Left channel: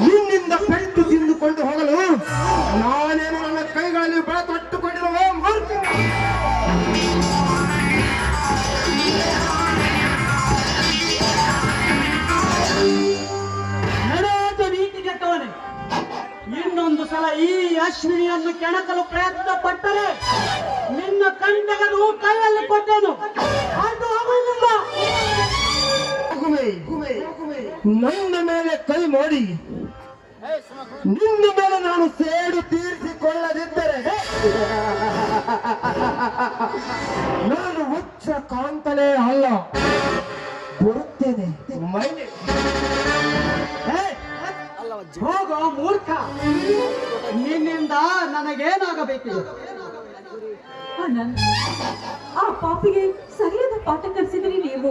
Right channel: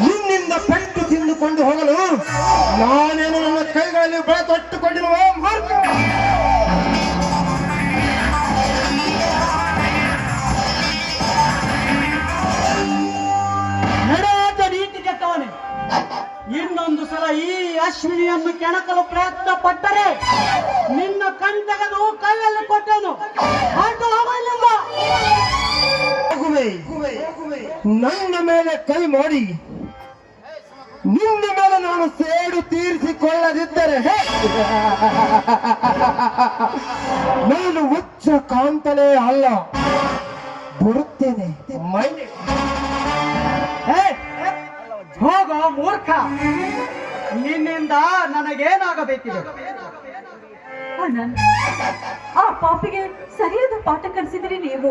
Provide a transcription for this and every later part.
ನಿನ್ನಿಂದ ಪೆಟ್ಟು ತಿಂದುಕೊಂಡು ಹೋಗಲು ನಾನೇನು ನನ್ನ ಕೈಗಳಲ್ಲಿ ಬಳ ತೊಟ್ಟುಕೊಂಡಿರುವ ಇನ್ನೊಂದು ಸಲ ಈ ಅಶ್ವಿನಿಯನ್ನು ಕೆಣಕಲು ಪ್ರಯತ್ನ ಪಟ್ಟರೆ ನಿನ್ನ ಕಂಟಗದು ಕೈಯಲ್ಲಿ ಕೊಟ್ಟನು. ಅದು ಆಗುವುದಿಲ್ಲ ಹೋಗುವೆ. ನನ್ನ ಮೇಲೆ ಕೈ ಮಾಡಿ ನಿನ್ನ ಮೇಲೆ ನಾನು ಸೇಡು ತೀರಿಸಿಕೊಳ್ಳದಿದ್ದರೆ! ನಾನು ಉಚ್ಚ ಕಾಂತಲೇ ಅಲ್ಲ. ಬರುತ್ತೇನೆ. ಹೋಗೋ ಮೂರ್ಖ. ನಿನ್ನಿಂದ ನನಗೇನಾಗಬೇಕಿದೆ? ಆ ಪಾಪಿಗೆ ಸರಿಯಾದ ಪಾಠ ಕಲಿಸಿದ್ರಿ ನೀವು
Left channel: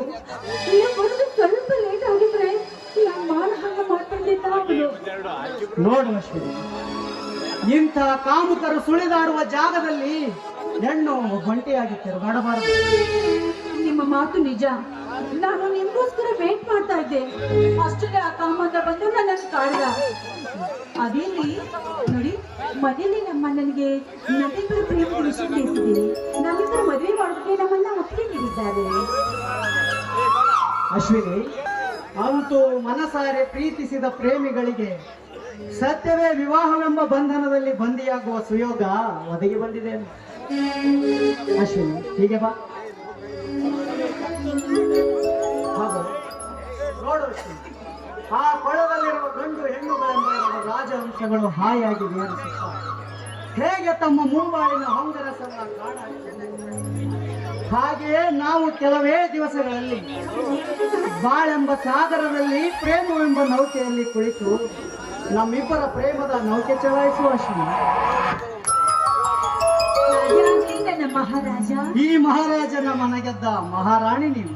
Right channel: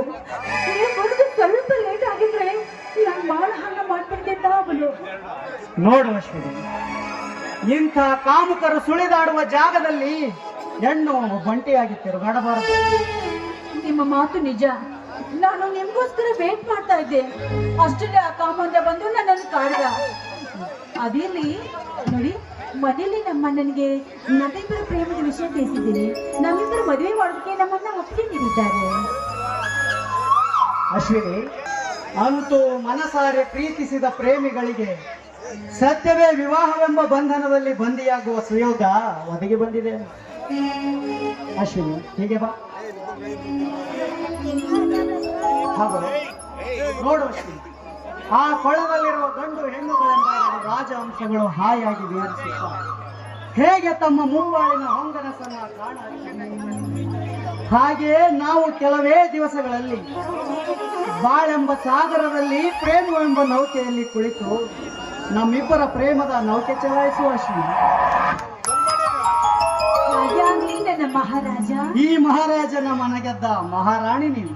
ನೋಡುವ ನೋಡು ಅಶ್ವಿನಿ ಇಂಥ ಕಾಮುಕರು ಸುಳಿದಾಡುವ ಜಾಗದಲ್ಲಿ ಹೆಣ್ಣು ಬಂಟಿಯಾಗಿ ತಿರುಗಾಡಬಾರದು ನಿಮ್ಮ ಮಾತು ನಿಜ. ನಾನು ನಿಮ್ಗೋಸ್ಕರ ವೇಟ್ ಮಾಡ್ತಾ ಇದ್ದೆ. ಅಷ್ಟೇ ಆ ಕಾಮಂದ ಬಂದು ನನ್ನನ್ನು ಕಾಡ್ದ. ಅದೇಲಿ ನೋಡಿ ಮನೆಯಲ್ಲಿ ನಮ್ಮ ನನಗೆ ನಮ್ಮಿಬ್ಬರ ಪ್ರೇಮದ ವಿಷಯ ತಿಳಿಸಿದ್ದೀನಿ. ನಮ್ಮಿಬ್ಬರು ಮದುವೆ ಮಾಡೋದಕ್ಕೆ ನಮ್ಮನ್ನ ಒಪ್ಪಿಗೆ ನೀಡಿದ್ದಾರೆ. ಅಶ್ವಿನಿ ಅಂತೂ ಮನಸಾರೆ ಪ್ರೀತಿಸಿದ ಪ್ರೇಮಿಗಳಿಗೆ ಸತ್ಯವೇ ವಿವಾಹವೆಂಬ ಬಂಧನದಲ್ಲಿ ಬಂದಿಯಾಗುವ ಸುಯೋಗ ಒದಗಿ ಬಂದಿದೆ. ಅಶ್ವಿನಿ, ಹೀಗೆ ಬಾ. ಹಾಗೂ ನೋಡು ಅಶ್ವಿನಿ, ಆ ಕೊಳದಲ್ಲಿರುವ ಗಂಡು ಹೆಣ್ಣುಗಳೆಂಬ ರಾಜವಂಶಗಳು ಹಾಯಾಗಿ ವಿವರಿಸುತ್ತಾರೆ ಹೇಗೆ ತಮ್ಮ ಮೂವಾಳಿನ ಹೊಂಗನಸನ್ನ ಕಾಣ ಹಾಗೆಯೇ ನಾವು ಕೆಲವೇ ದಿವಸಗಳಲ್ಲಿ ಬಾಳೆಂಬ ಸಾಗರದಲ್ಲಿ ಪ್ರೇಮವೆಂಬ ನೌಕೆಯಲ್ಲಿ ಕುಳಿತು ನಮ್ಮಿಬ್ಬರ ಪ್ರೇಮದ ನೌಕೆ ಚಲಾಯಿಸುವ ಶ್ರೀ ಮಹಾರಾಜ. ಈ ಮಹಾರಾಜನ ಮನೆಗೆದ್ದ ಮಹಾರಾಣಿ ನೀವು.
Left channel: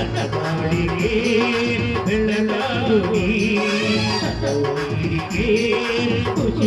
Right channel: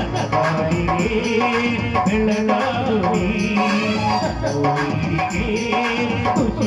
Yeah.